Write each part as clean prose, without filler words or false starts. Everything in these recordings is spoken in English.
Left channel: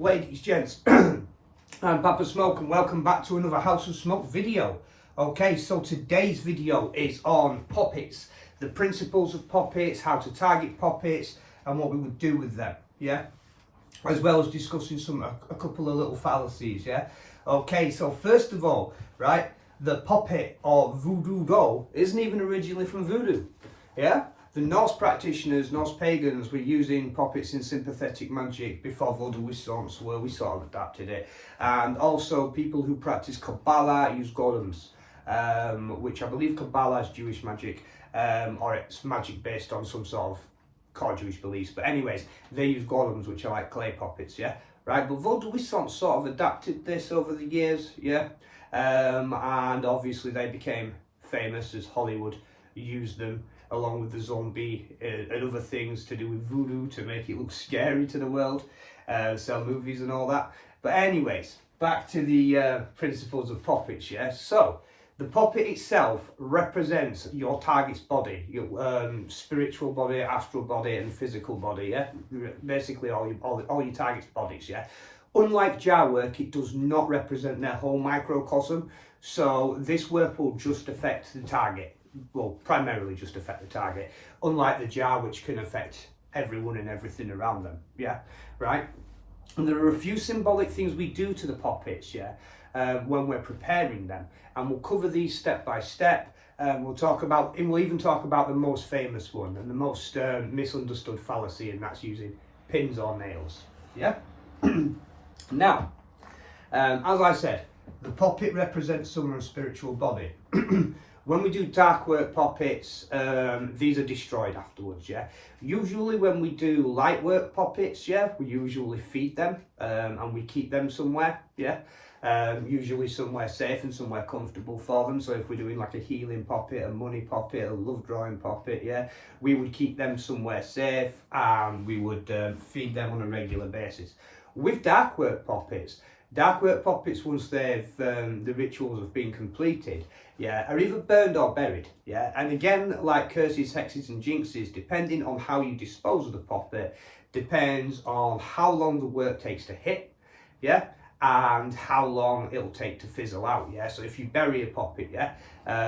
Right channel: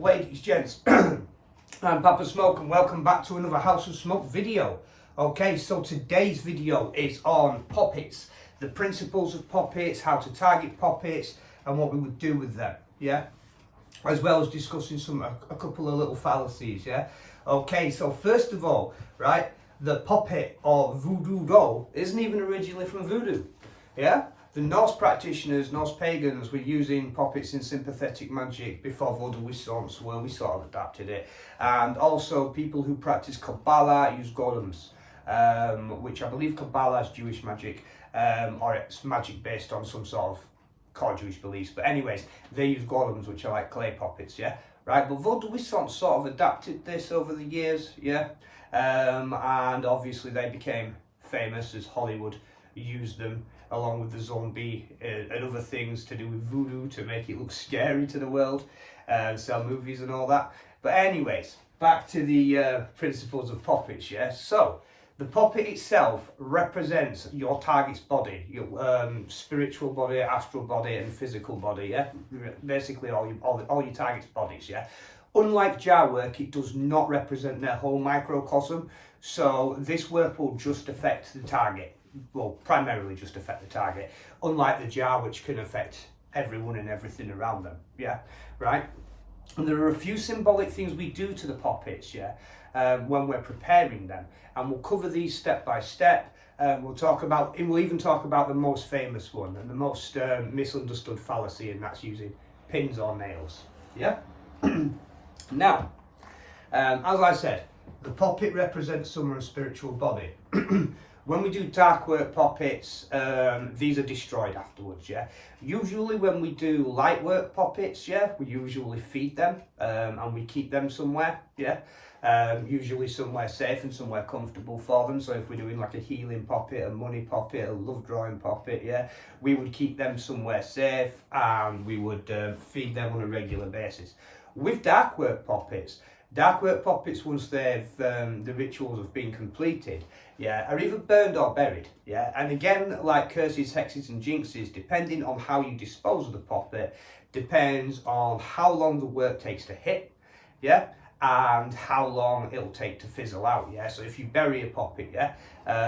Ladies, gents, I'm Papa Smoke and welcome back to another House of Smoke video. Okay, so today's video is on Poppets, the principles of Poppets, how to target Poppets and what we would do with them, yeah? As well as discussing a couple of little fallacies, yeah? Okay, so first of all, right, the Poppet or Voodoo Doll isn't even originally from Voodoo, yeah? The Norse practitioners, Norse pagans, were using Poppets in sympathetic magic before Vodou where we sort of adapted it. And also people who practice Kabbalah use golems, which I believe Kabbalah is Jewish magic, or it's magic based on some sort of core Jewish beliefs. But anyways, they use golems, which are like clay puppets, yeah? Right, but Vodou sort of adapted this over the years, yeah? And obviously they became famous as Hollywood used them along with the zombie and other things to do with voodoo to make it look scary to the world, sell movies and all that. But anyways, back to the principles of Poppets, yeah? So, the Poppet itself represents your target's body, your spiritual body, astral body and physical body, yeah? Basically all your target's bodies, yeah? Unlike jar work, it does not represent their whole microcosm, so this work will just affect the target. Well, primarily just affect the target, unlike the jar, which can affect everyone and everything around them, yeah, right? And there are a few symbolic things we do to the Poppets, yeah, when we're preparing them, and we'll cover these step by step. We'll even talk about the most famous one and the most misunderstood fallacy, and that's using pins or nails, yeah? Now, as I said, the Poppet represents someone's spiritual body. When we do dark work Poppets, these are destroyed afterwards, yeah? Usually when we do light work Poppets, yeah, we usually feed them and we keep them somewhere, yeah? Usually somewhere safe and somewhere comfortable for them. So if we're doing like a healing Poppet, a money Poppet, a love drawing Poppet, yeah, we would keep them somewhere safe and we would feed them on a regular basis. With dark work Poppets, once they've the rituals have been completed, yeah, are either burned or buried, yeah. And again, like curses, hexes and jinxes, depending on how you dispose of the Poppet, depends on how long the work takes to hit, yeah, and how long it'll take to fizzle out, yeah. So if you bury a Poppet, yeah,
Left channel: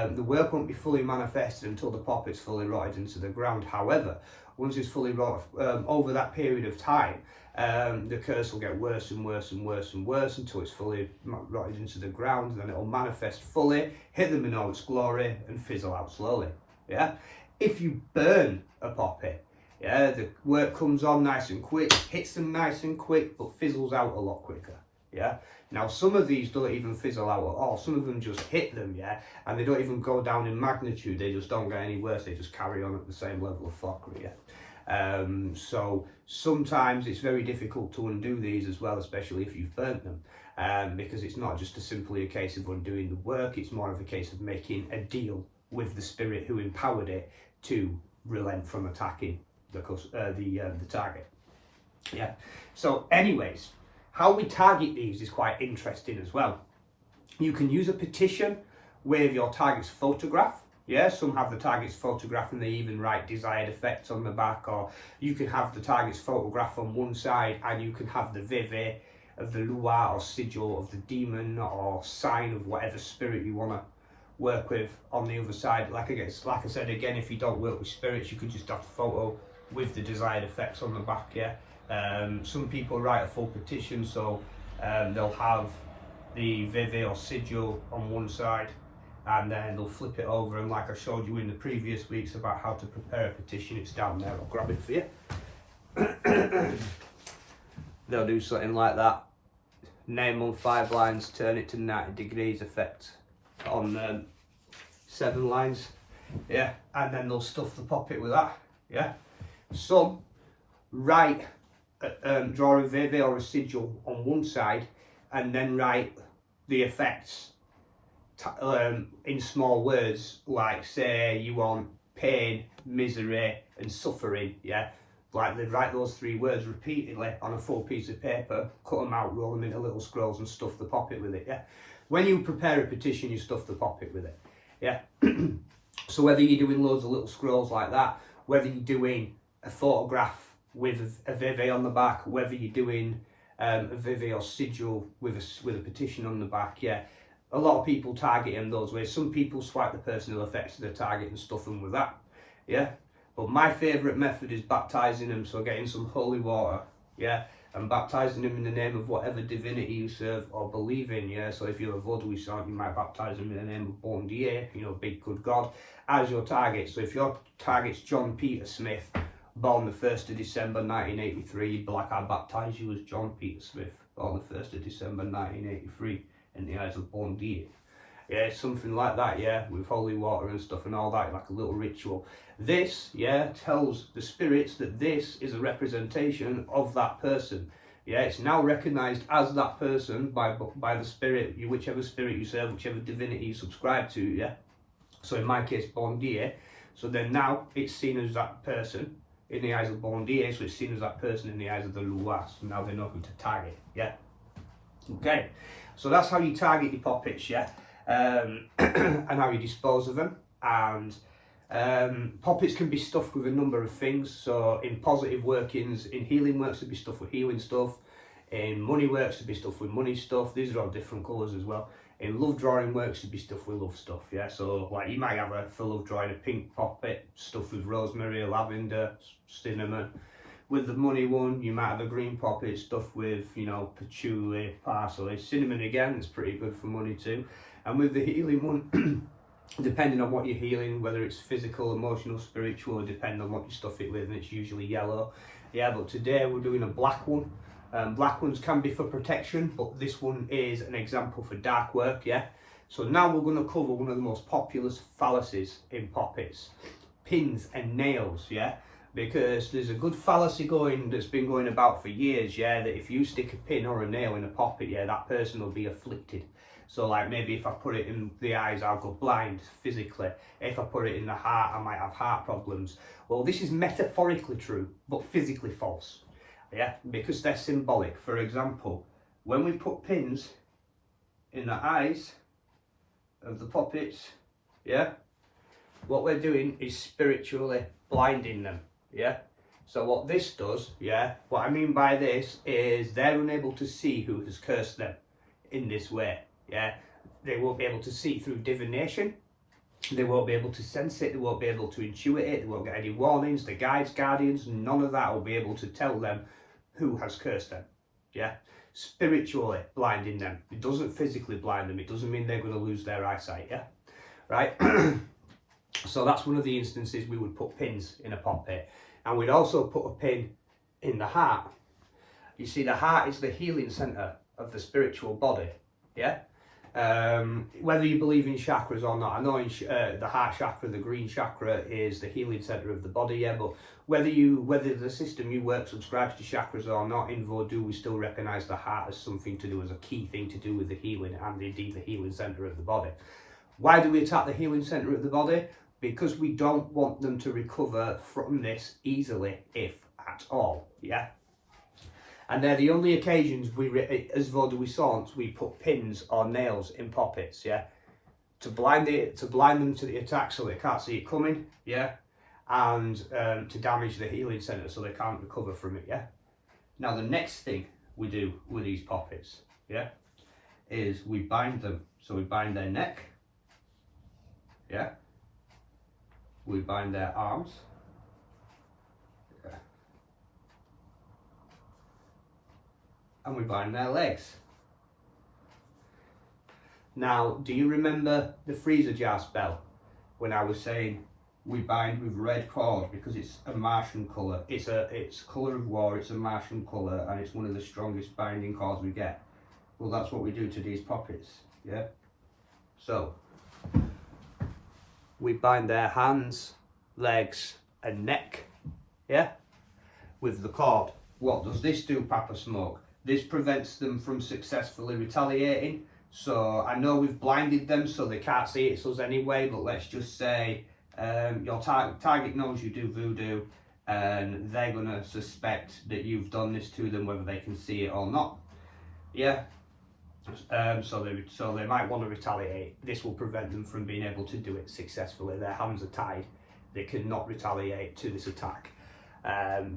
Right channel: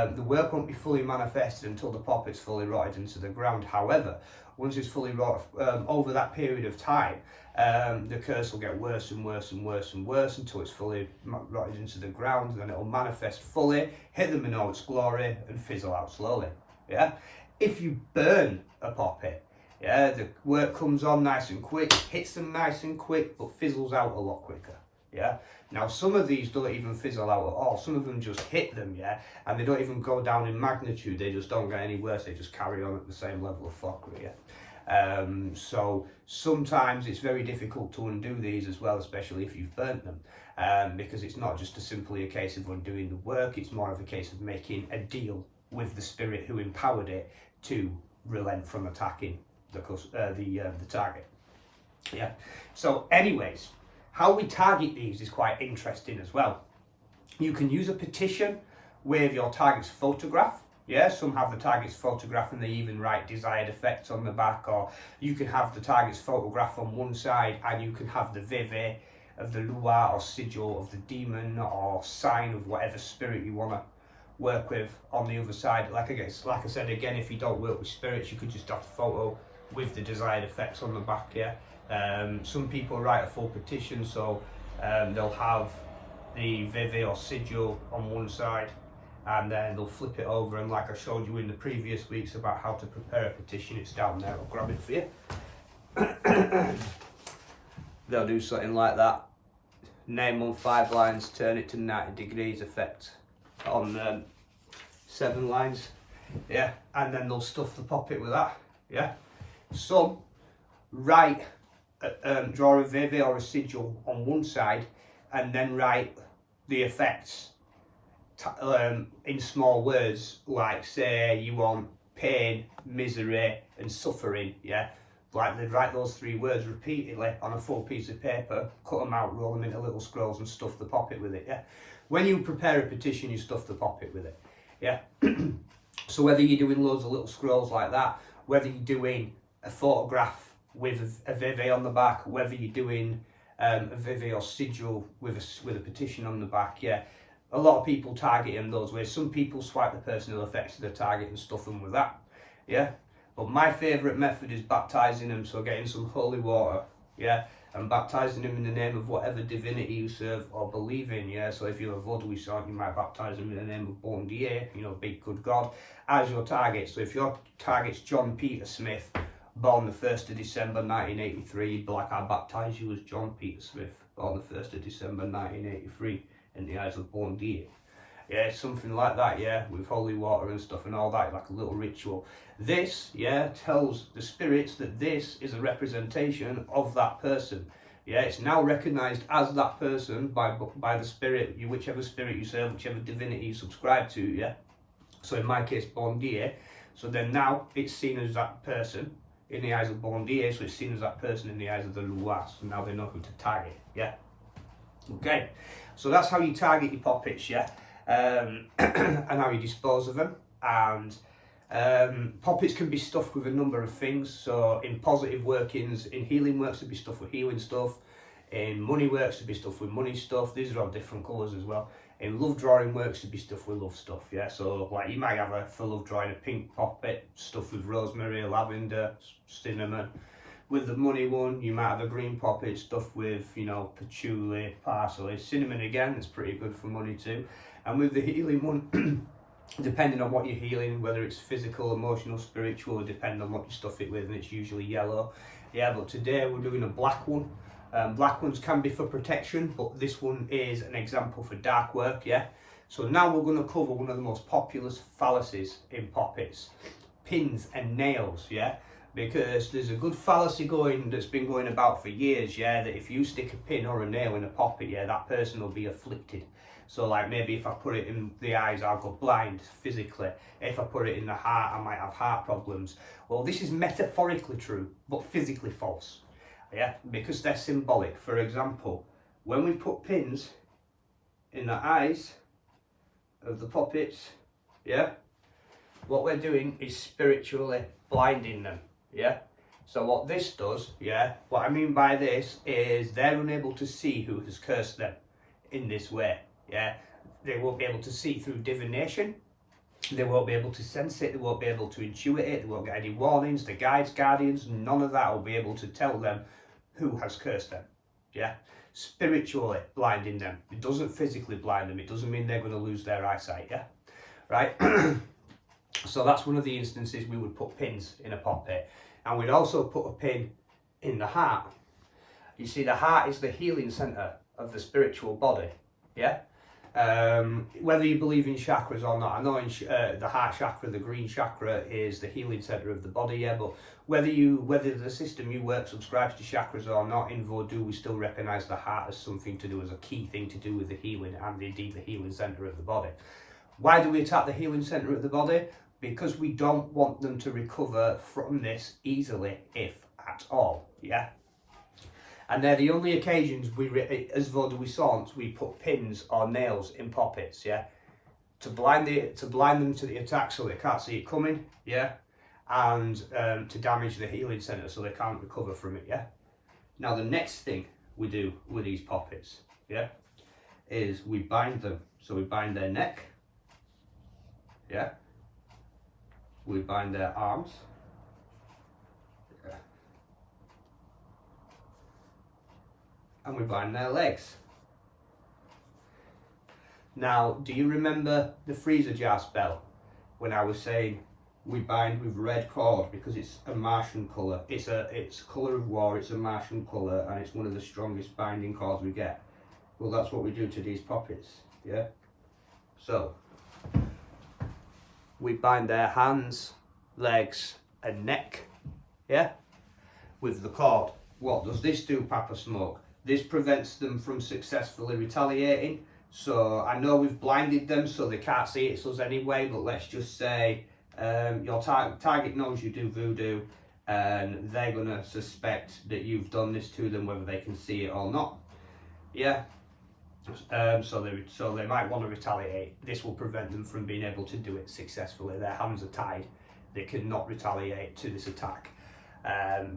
the work won't be fully manifested until the Poppet's fully rotted into the ground. However, once it's fully rotted, over that period of time, the curse will get worse and worse and worse and worse until it's fully rotted into the ground. Then it'll manifest fully, hit them in all its glory, and fizzle out slowly. Yeah. If you burn a Poppet, yeah, the work comes on nice and quick, hits them nice and quick, but fizzles out a lot quicker. Yeah. Now some of these don't even fizzle out at all. Some of them just hit them, yeah, and they don't even go down in magnitude. They just don't get any worse. They just carry on at the same level of fuckery. Yeah. So sometimes it's very difficult to undo these as well, especially if you've burnt them, because it's not just simply a case of undoing the work. It's more of a case of making a deal with the spirit who empowered it to relent from attacking the target. Yeah. So anyways, how we target these is quite interesting as well. You can use a petition with your target's photograph. Yeah, some have the target's photograph and they even write desired effects on the back, or you can have the target's photograph on one side and you can have the vive of the lua or sigil of the demon or sign of whatever spirit you want to work with on the other side. Like I said again, if you don't work with spirits, you could just have the photo with the desired effects on the back, yeah. Some people write a full petition, so they'll have the vive or sigil on one side, and then they'll flip it over, and like I showed you in the previous weeks about how to prepare a petition, it's down there. I'll grab it for you. They'll do something like that, name on 5 lines, turn it to 90 degrees, effect on 7 lines, yeah, and then they'll stuff the Poppet with that, yeah. Some write draw a vive or a sigil on one side and then write the effects in small words, like say you want pain, misery and suffering, yeah, like they'd write those 3 words repeatedly on a full piece of paper, cut them out, roll them into little scrolls and stuff the Poppet with it, yeah. When you prepare a petition, you stuff the Poppet with it, yeah. So whether you're doing loads of little scrolls like that, whether you're doing a photograph with a vive on the back, whether you're doing a vivi or sigil with a petition on the back, yeah. A lot of people target him those ways. Some people swipe the personal effects of the target and stuff them with that, yeah. But my favourite method is baptising them, so getting some holy water, yeah, and baptising them in the name of whatever divinity you serve or believe in, yeah. So if you're a Vodou saint, you might baptise them in the name of Bon Dieu, you know, big good God, as your target. So if your target's John Peter Smith, born the 1st of December 1983, you'd be like, I baptise you as John Peter Smith, born the 1st of December 1983, in the eyes of Bon Dieu. Yeah, something like that, yeah, with holy water and stuff and all that, like a little ritual. This, yeah, tells the spirits that this is a representation of that person. Yeah, it's now recognised as that person by the spirit, whichever spirit you serve, whichever divinity you subscribe to, yeah. So in my case, Bon Dieu. So then now it's seen as that person in the eyes of Bon Dieu, so it's seen as that person in the eyes of the Loas. So now they know who to target, yeah. Okay, so that's how you target your poppets, yeah. And how you dispose of them. And poppets can be stuffed with a number of things. So in positive workings, in healing works to be stuffed with healing stuff, in money works to be stuffed with money stuff. These are all different colours as well. In love drawing works to be stuffed with love stuff, yeah. So like you might have for love drawing a pink poppet stuffed with rosemary, lavender, cinnamon. With the money one, you might have a green poppet stuffed with, you know, patchouli, parsley, cinnamon again, it's pretty good for money too. And with the healing one, depending on what you're healing, whether it's physical, emotional, spiritual, depending on what you stuff it with, and it's usually yellow. Yeah, but today we're doing a black one. Black ones can be for protection, but this one is an example for dark work, yeah. So now we're going to cover one of the most popular fallacies in poppets, pins and nails, yeah. Because there's a good fallacy that's been going about for years, yeah, that if you stick a pin or a nail in a poppet, yeah, that person will be afflicted. So like maybe if I put it in the eyes, I'll go blind physically. If I put it in the heart, I might have heart problems. Well, this is metaphorically true, but physically false, yeah, because they're symbolic. For example, when we put pins in the eyes of the poppets, yeah, what we're doing is spiritually blinding them. Yeah, so what this does, yeah, what I mean by this is they're unable to see who has cursed them in this way, yeah. They won't be able to see through divination, they won't be able to sense it, they won't be able to intuit it, they won't get any warnings, the guides, guardians, none of that will be able to tell them who has cursed them, yeah. Spiritually blinding them. It doesn't physically blind them, it doesn't mean they're going to lose their eyesight, yeah, right. So that's one of the instances we would put pins in a poppet. And we'd also put a pin in the heart. You see, the heart is the healing centre of the spiritual body, yeah? Whether you believe in chakras or not, I know in the heart chakra, the green chakra is the healing centre of the body, yeah? But whether the system you work subscribes to chakras or not, in Vodou we still recognise the heart as something to do, as a key thing to do with the healing, and indeed the healing centre of the body. Why do we attack the healing centre of the body? Because we don't want them to recover from this easily, if at all, yeah? And they're the only occasions as Vodou saints, we put pins or nails in poppets, yeah? To blind them to the attack so they can't see it coming, yeah? And to damage the healing centre so they can't recover from it, yeah? Now the next thing we do with these poppets, yeah, is we bind them. So we bind their neck, yeah? We bind their arms, yeah, and we bind their legs. Now, do you remember the freezer jar spell when I was saying we bind with red cord because it's a Martian colour? It's colour of war, it's a Martian colour, and it's one of the strongest binding cords we get. Well, that's what we do to these poppets, yeah? So we bind their hands, legs and neck, yeah, with the cord. What does this do, Papa Smoke? This prevents them from successfully retaliating. So I know we've blinded them so they can't see it's us anyway, but let's just say your target knows you do voodoo and they're going to suspect that you've done this to them, whether they can see it or not, yeah. So they might want to retaliate. This will prevent them from being able to do it successfully. Their hands are tied. They cannot retaliate to this attack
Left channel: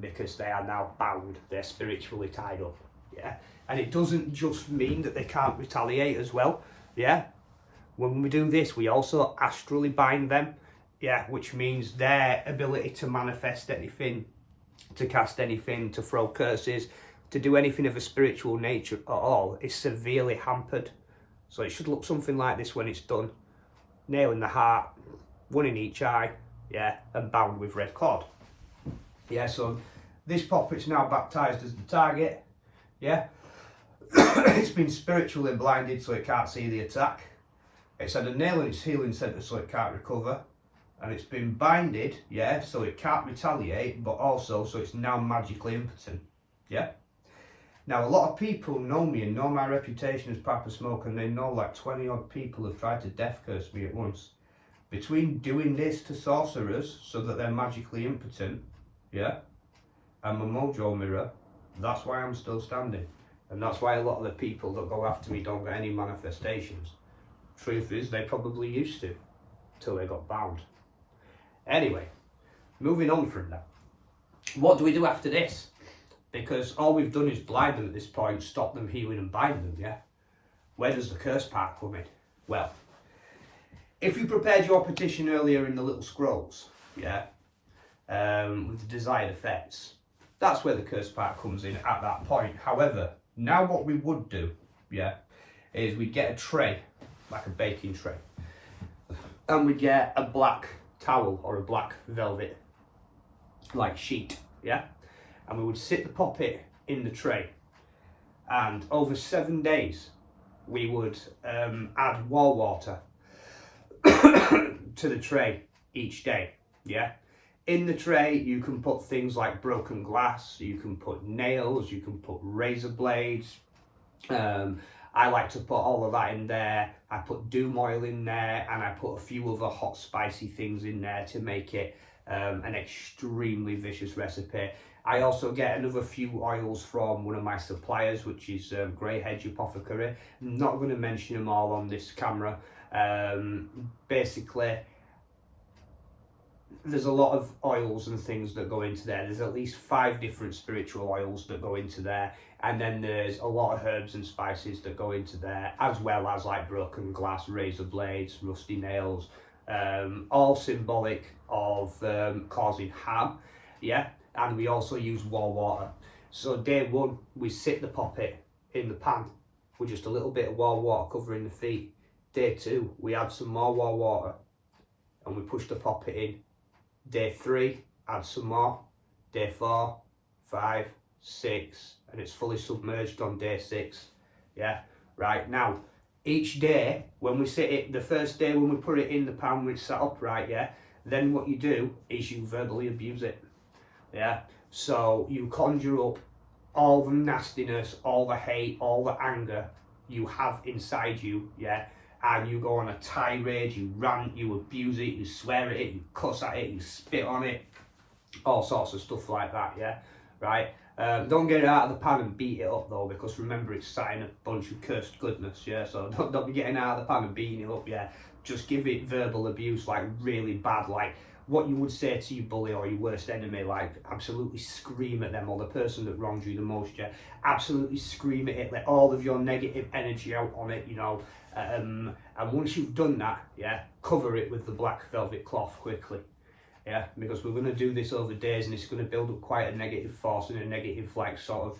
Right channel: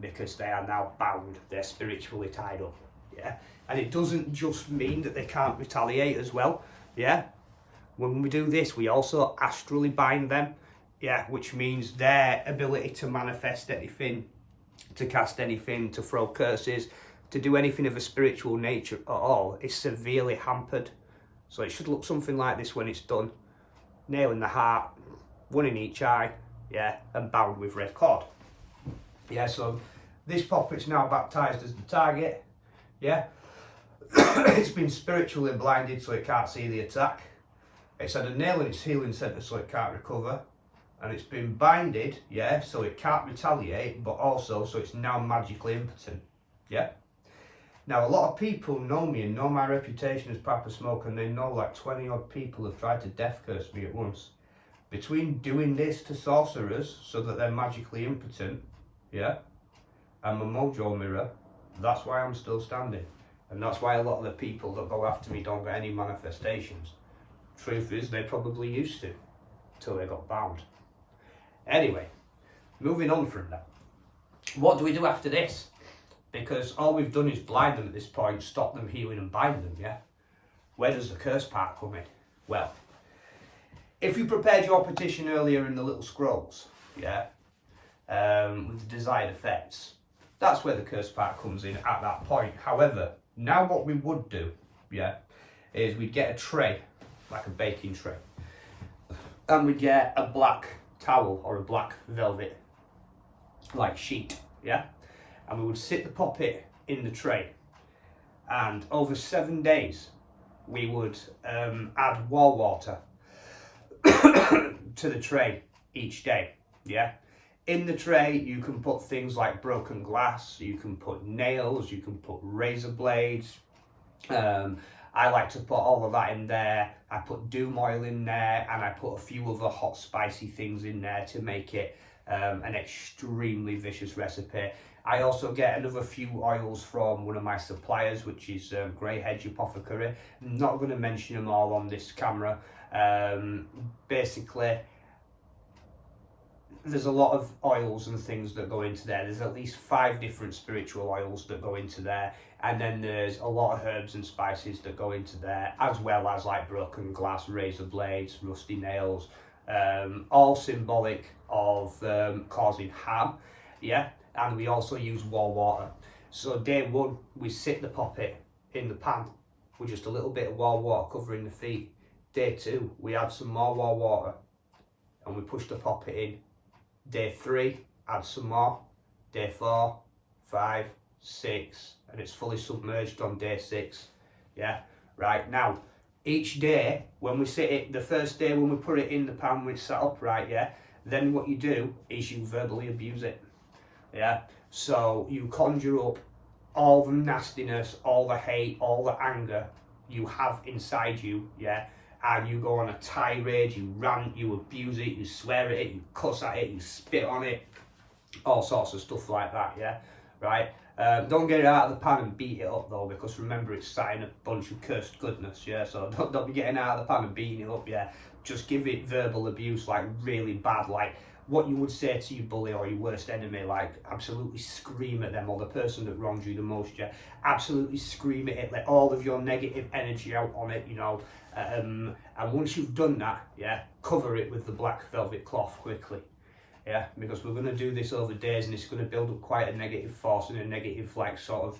because they are now bound. They're spiritually tied up. yeah? And it doesn't just mean that they can't retaliate as well, yeah? When we do this, we also astrally bind them, yeah, which means their ability to manifest anything, to cast anything, to throw curses, to do anything of a spiritual nature at all is severely hampered. So it should look something like this when it's done. Nail in the heart, one in each eye, yeah, and bound with red cord. Yeah, so this Poppet's now baptised as the target, yeah. It's been spiritually blinded so it can't see the attack. It's had a nail in its healing centre so it can't recover. And it's been binded, yeah, so it can't retaliate, but also so it's now magically impotent, yeah. Now, a lot of people know me and know my reputation as Papa Smoke, and they know like 20 odd people have tried to death curse me at once. Between doing this to sorcerers so that they're magically impotent, yeah, and my mojo mirror, that's why I'm still standing. And that's why a lot of the people that go after me don't get any manifestations. Truth is, they probably used to, till they got bound. Anyway, moving on from that. What do we do after this? Because all we've done is blind them at this point, stop them healing and bind them, yeah? Where does the curse part come in? Well, if you prepared your petition earlier in the little scrolls, yeah, with the desired effects, that's where the curse part comes in at that point. However, now what we would do, yeah, is we'd get a tray, like a baking tray, and we'd get a black towel or a black velvet, like sheet, yeah? And we would sit the Poppet in the tray, and over 7 days we would add wall water to the tray each day, yeah? In the tray you can put things like broken glass, you can put nails, you can put razor blades. I like to put all of that in there. I put doom oil in there, and I put a few other hot spicy things in there to make it an extremely vicious recipe. I also get another few oils from one of my suppliers, which is Grey Hedge Apothecary. I'm not going to mention them all on this camera. Basically, there's a lot of oils and things that go into there. There's at least 5 different spiritual oils that go into there. And then there's a lot of herbs and spices that go into there, as well as like broken glass, razor blades, rusty nails, all symbolic of causing harm, yeah? And we also use wall water. So day 1, we sit the Poppet in the pan with just a little bit of wall water covering the feet. Day 2, we add some more wall water and we push the Poppet in. Day 3, add some more. Day 4, 5, 6, and it's fully submerged on day 6. Yeah, right. Now, each day, when we sit it, the first day when we put it in the pan, when it's sat upright, yeah, then what you do is you verbally abuse it. Yeah, so you conjure up all the nastiness, all the hate, all the anger you have inside you, yeah, and you go on a tirade, you rant, you abuse it, you swear at it, you cuss at it, you spit on it, all sorts of stuff like that, yeah, right? Don't get it out of the pan and beat it up though, because remember it's sat in a bunch of cursed goodness, yeah, so don't be getting out of the pan and beating it up, yeah. Just give it verbal abuse, like really bad, like what you would say to your bully or your worst enemy, like absolutely scream at them, or the person that wronged you the most, yeah, absolutely scream at it, let all of your negative energy out on it, you know, and once you've done that, yeah, cover it with the black velvet cloth quickly, yeah, because we're going to do this over days and it's going to build up quite a negative force and a negative like sort of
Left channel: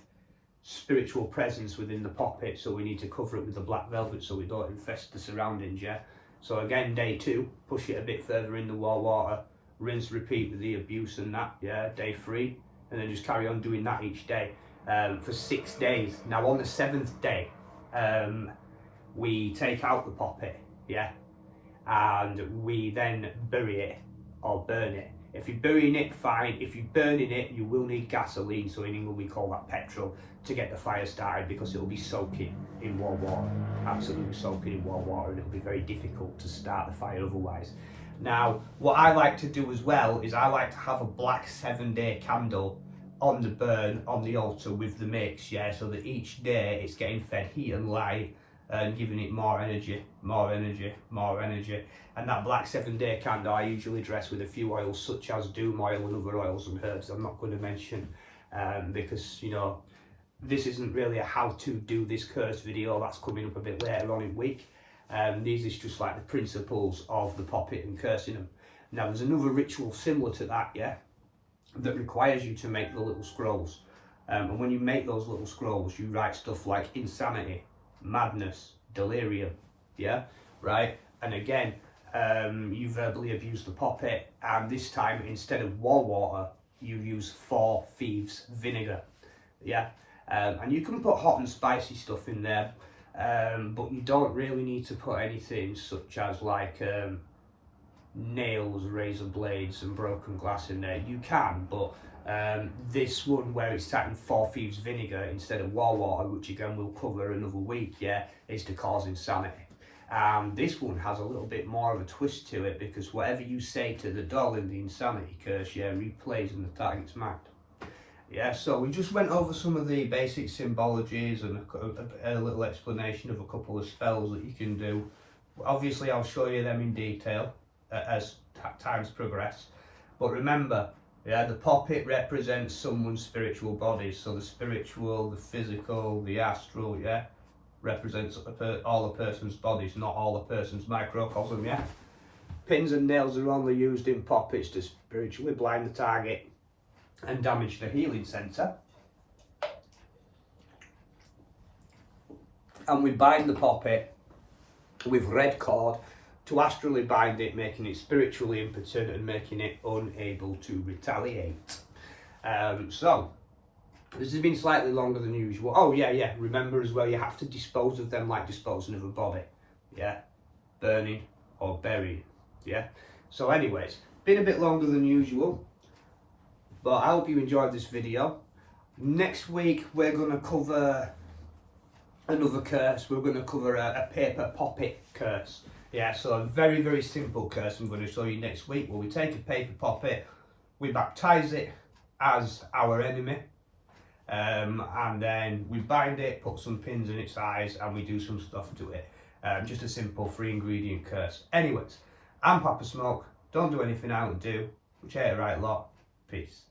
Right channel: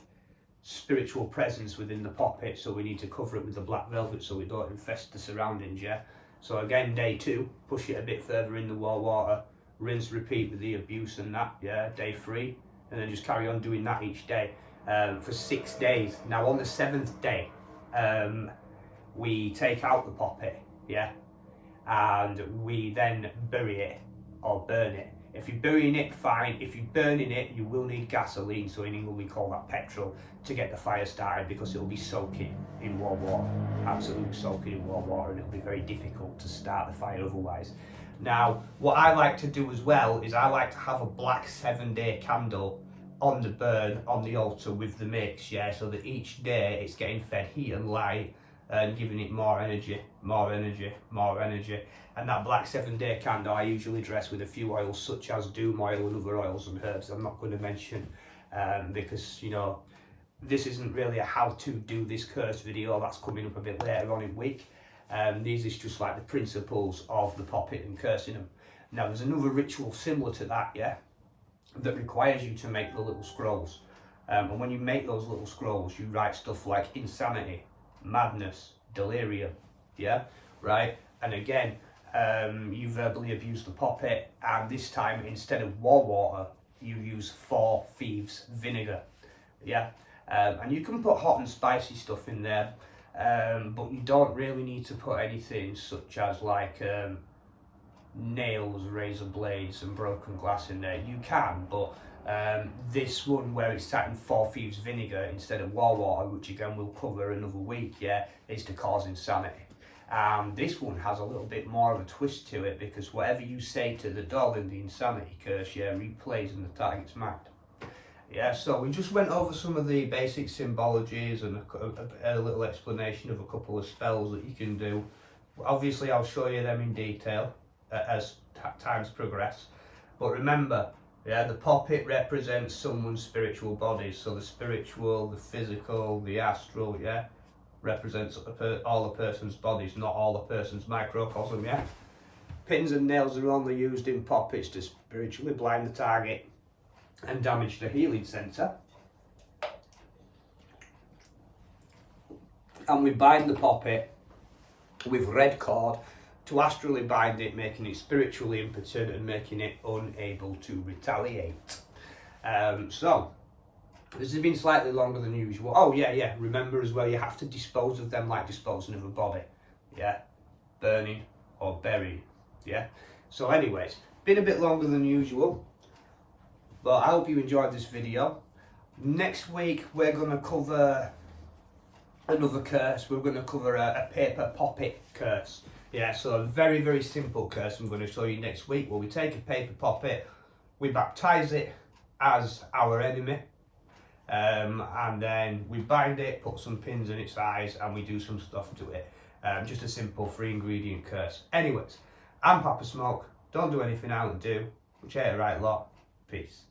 spiritual presence within the Poppet, so we need to cover it with the black velvet so we don't infest the surroundings, yeah. So again, day 2, push it a bit further in the wall water, rinse, repeat with the abuse and that, yeah. Day 3, and then just carry on doing that each day for 6 days. Now on the 7th day, we take out the Poppet, yeah, and we then bury it or burn it. If you're burying it, fine. If you're burning it, you will need gasoline, so in England we call that petrol, to get the fire started, because it'll be soaking in warm water, absolutely soaking in warm water, and it'll be very difficult to start the fire otherwise. Now, what I like to do as well is I like to have a black 7-day candle on the burn, on the altar with the mix, yeah, so that each day it's getting fed heat and light and giving it more energy, more energy, more energy. And that black 7-day candle I usually dress with a few oils such as doom oil and other oils and herbs I'm not going to mention because, you know, this isn't really a how to do this curse video. That's coming up a bit later on in the week. These is just like the principles of the poppet and cursing them. Now there's another ritual similar to that, yeah, that requires you to make the little scrolls. And when you make those little scrolls, you write stuff like insanity, madness, delirium, yeah, right? And again, you verbally abuse the poppet, and this time instead of war water, you use 4 thieves vinegar, yeah. And you can put hot and spicy stuff in there, but you don't really need to put anything such as like nails, razor blades and broken glass in there. You can, but this one where it's sat in 4 thieves vinegar instead of war water, which again we'll cover another week, yeah, is to cause insanity. This one has a little bit more of a twist to it, because whatever you say to the doll in the insanity curse, yeah, replays and the target's marked. Yeah, so we just went over some of the basic symbologies and a little explanation of a couple of spells that you can do. Obviously I'll show you them in detail as times progress, but remember, yeah, the poppet represents someone's spiritual bodies. So the spiritual, the physical, the astral, yeah, represents all a person's bodies, not all a person's microcosm, yeah. Pins and nails are only used in poppets to spiritually blind the target and damage the healing centre. And we bind the poppet with red cord to astrally bind it, making it spiritually impotent and making it unable to retaliate. So this has been slightly longer than usual. Oh yeah, remember as well, you have to dispose of them like disposing of a body, yeah, burning or buried, yeah. So anyways, been a bit longer than usual, but I hope you enjoyed this video. Next week we're going to cover another curse. We're going to cover a paper poppet curse. Yeah, so a very, very simple curse I'm going to show you next week, where we take a paper poppet, we baptize it as our enemy, and then we bind it, put some pins in its eyes, and we do some stuff to it. Just a simple 3-ingredient curse. Anyways, I'm Papa Smoke. Don't do anything I would do, which ain't a right lot. Peace.